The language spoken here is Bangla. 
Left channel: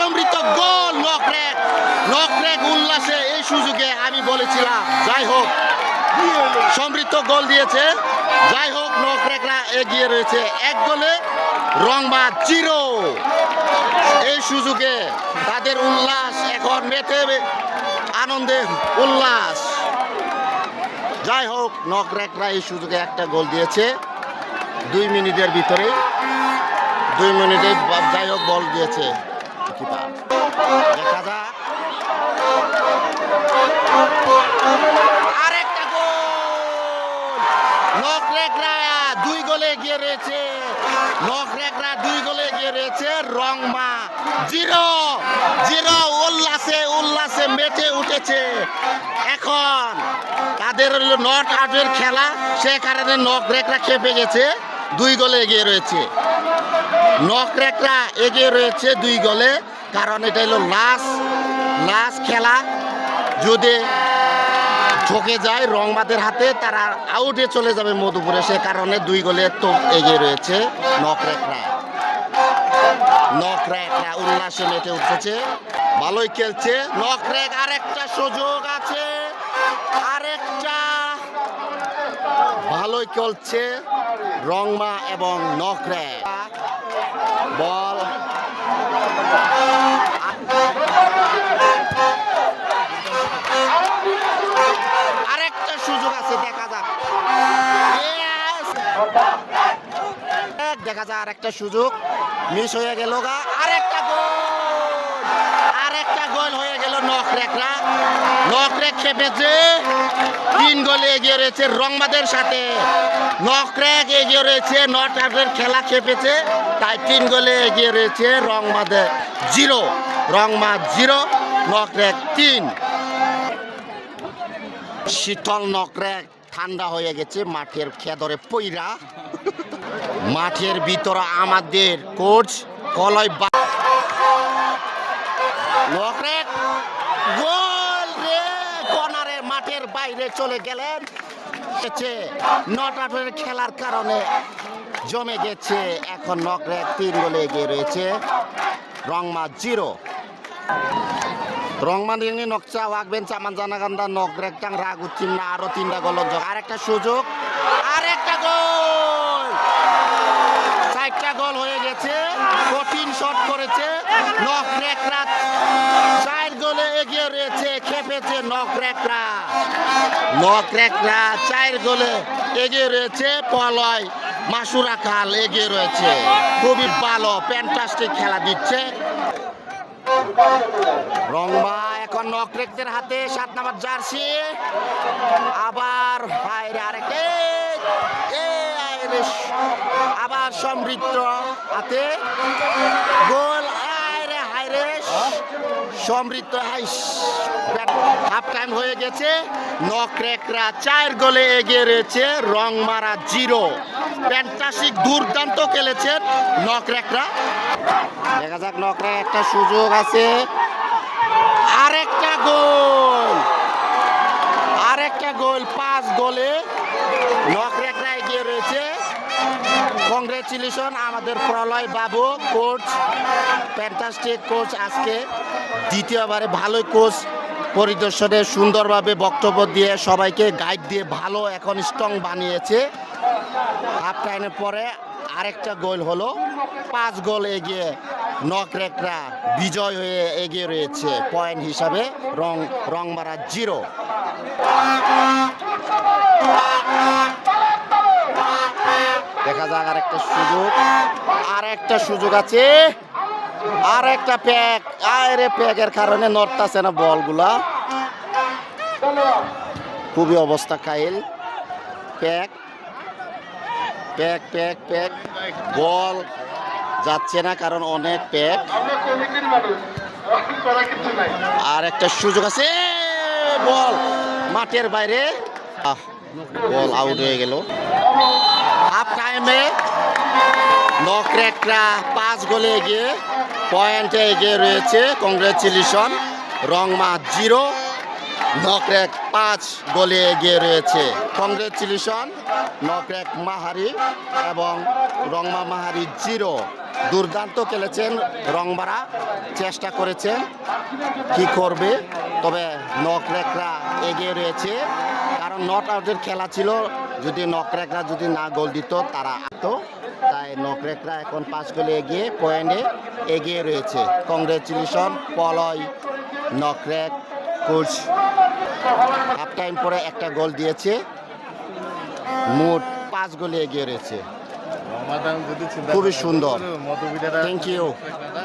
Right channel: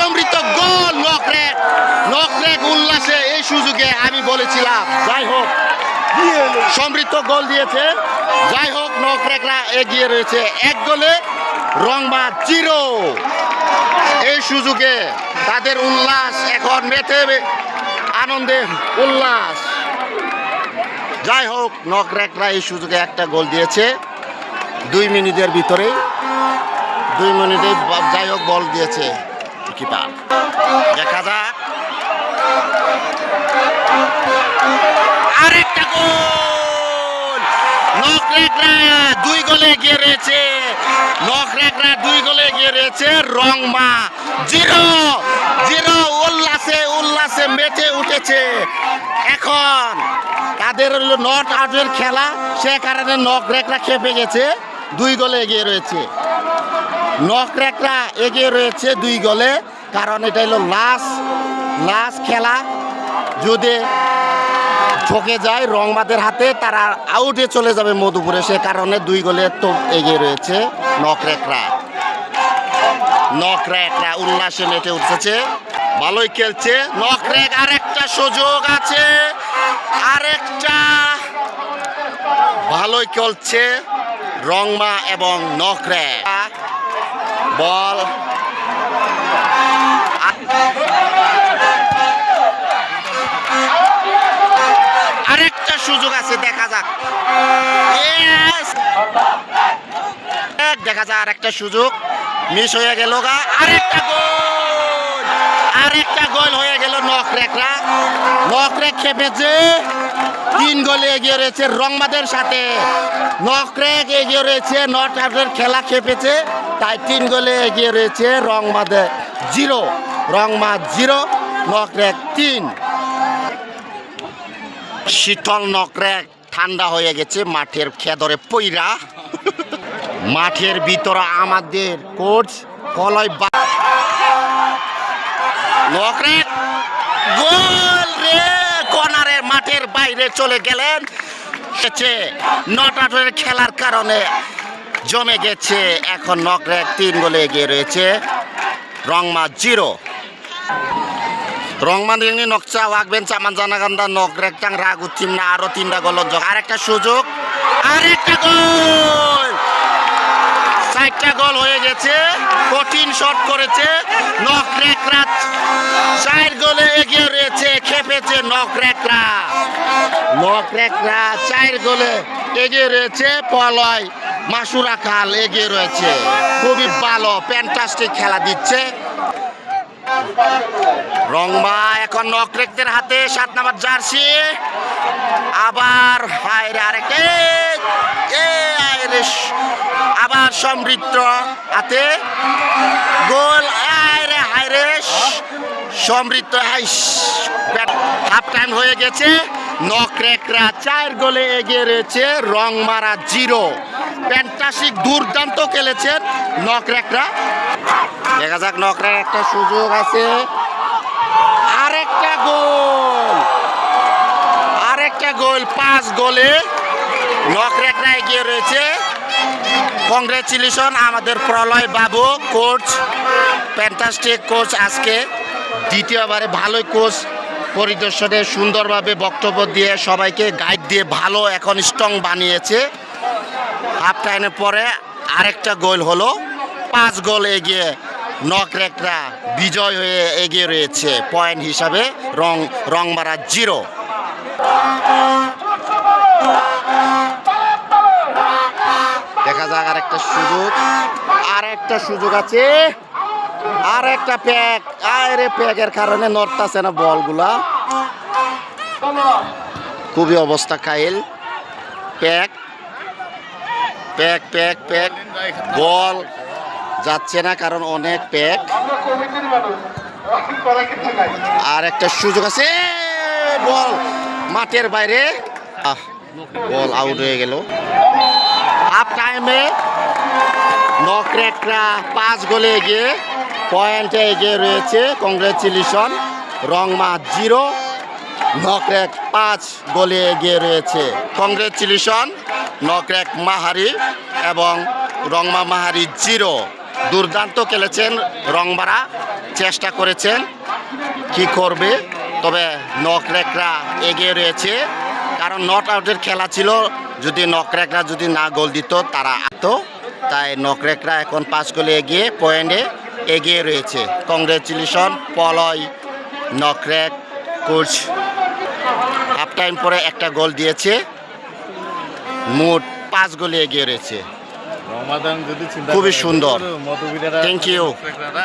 সমৃদ্ধ গোল নকরেক নকরেক উল্লাসে এই সুযোগে আমি বলেছিলাম, যাই হোক, সমৃদ্ধ গোল দিয়েছে, যাই হোক, নকরেকরা এগিয়ে রয়েছে। এক গোলে, রংবা চিরো এই সুযোগে তাদের উল্লাস এখন মেতে আনন্দে উল্লাস। যাই হোক, নকরেকরা এই সুযোগে একটা গোল দিয়েছে, দুই মিনিটের ভিতরে দুই মিনিটে যাই হোক, বল দিয়েছে। কিপার দেখা যাক আরেকটা গোল নকরেকরা দুই গোলে এগিয়ে রয়েছে নকরেকরা দুই গোলে এগিয়ে রয়েছে রংমা জিরো জিরো উল্লাসে উল্লাসে মেতে উঠেছে এখন তাদের হলো নট আউটের খেলা, সে কারণে নকরেকরা খেপে গেছে, দুই গোলে এগিয়ে রয়েছে। নকরেকরা এগিয়ে রয়েছে দুই গোলে, কারণ এটা হলো লাস্ট লাস্ট খেলা। যদি ঠকে যায় রংবাদের হাতে, তারা আউটে চলে যাবে মধুপুরে। সে কারণে দুই গোলে তো এগিয়ে রয়েছে নকরেকরা নকরেকরা উল্লাসে মেটে উঠেছে, ভালোই খেলছে। নকরেক আরেকটা সুযোগ আছে, আরেকটা। ভালোই খেলছে রংমা এবং নকরেক বল আরেকটা সুযোগ আছে, দেখা যাক। দেখা যায় আরেকটা সুযোগ। মিস হয়ে গেল গা। আরেকটা গোল! আরেকটা গোল হয়ে গেল নকরেকরা। নকরেক চেপেছে তিন গোলে এগিয়ে রয়েছে রংবাদের সাথে। নকরেক এগিয়ে রয়েছে নটারের খেলা খেপেছে। তাই তিন গোলে এগিয়ে রয়েছে রংমাদে জিরো রংমা জিরো নকরেক তিন। শীতল নকরেক ঠান্ডা হয়ে গেছে, মাঠের খেদরে পইরা। মাঠের ভিতরে আমাদের কোচ কলয় বা নকরেক গোল রে কর্নারের মাঠের বাইরে চলে গেলেন। নটাটের খেলার কারণে জমে গেছে। এখন নকরেক তিন গোলে এগিয়ে রয়েছে রংমা জিরো। রংমানি নকচা ওয়াকবেন চামান জানাগান্দা নকরেক টাং রাগ উঠিম না, আরও তিনটা গোল যোগ। আরেকটা সুযোগ আর একটা গোল! চারটা গোল হয়ে গেছে, কঠিন শট করেছে নকরেকরা চার গোলে এগিয়ে রয়েছে, খেপেছে নকরেকরা নকরেকরা চার গোলে এগিয়ে রয়েছে পলয়। মাসুরা খাল এগিয়ে রয়েছে। খুবই ভালো প্যান্টাস্টিক খেলা দিচ্ছে। রংমা এখন নকরেকদের হাতে, সাত নাম্বার জার্সি। আবার হায়রে আরেক আবার সমৃদ্ধ হাতে। গোল আয়রে হায়রে সমৃদ্ধ হাফ টাইম হয়ে গেছে। নকরেকরা চার গোলে এগিয়ে রয়েছে, রংমারা জিরো। প্যান্টাসিক দুর্দান্ত খেলেছেন নকরেকরা দেখা যাক নকরের একটা সুযোগ আছে। আরেকটা গোল। আরেকটা গোল, পাঁচ গোলে নকরেকরা এগিয়ে রয়েছে। কংগ্রেচুলেশন আমাদের প্রলয় বাবু কোচ ফ্যান্টাস্টিক কোচ আজকে। দ্বিতীয়বারে ভালোই কোচ পরিদর্শনে সুন্দরভাবে বক্তব্য দিয়ে সবাইকে গাইড দিয়ে ভালো এখন স্ট্রং বানিয়েছে। হাফ টাইমের পরে আরেকটা গোল হলো। পাঁচ গোল এগিয়ে নকরেকরা বিজয় হয়ে এগিয়ে রয়েছে পয়েন্ট হিসাবে, রং, রংমারা জিরো। দেখা যাক আরেকটা সুযোগ আর একটা সুযোগ আছে। আর একটা প্যাক আরে প্যাকের কারণে নড়তাছে না বলগুলা। খুবই অবস্থা, কাইল। প্যাক। প্যাক প্যাক প্যাক। বল যাচ্ছে না কারণ অনেক প্যাক। আর একটা সুযোগ আছে বল মাঠের বাইরে। আহ, বল আউট হয়ে গেল। হাফ টাইমে নকরেকরা পাঁচ গোলে এগিয়ে পয়েন্টে এগিয়ে রয়েছে। কংগ্রেচুলেশন রংমা জিরো নকরেক পাঁচ গোলে এগিয়ে রয়েছে। কংগ্রেচুলেশন নকরেক মাহারি এবং রংমা মাহারি জিরো। দুর্দান্ত খেলেছেন রংবাড়া চেষ্টা করেছেন, কি করবে? তবে নকরেকরা এগিয়ে রয়েছে। কারণ নট আউটের খেলা ছিল, যদি নকরেকরা যদি না গোল দিত, তারা তো তাই নকরেকরা এখন পাঁচ গোলে এগিয়ে পয়েন্টে এগিয়ে রয়েছে। কংগ্রেচুলেশন, পলয় নকরেক কোচ হাফ টাইম পরে একটা গোল দিয়েছে মোট পাঁচ গোলে এগিয়ে রয়েছে খুবই সুন্দর। থ্যাংক. না,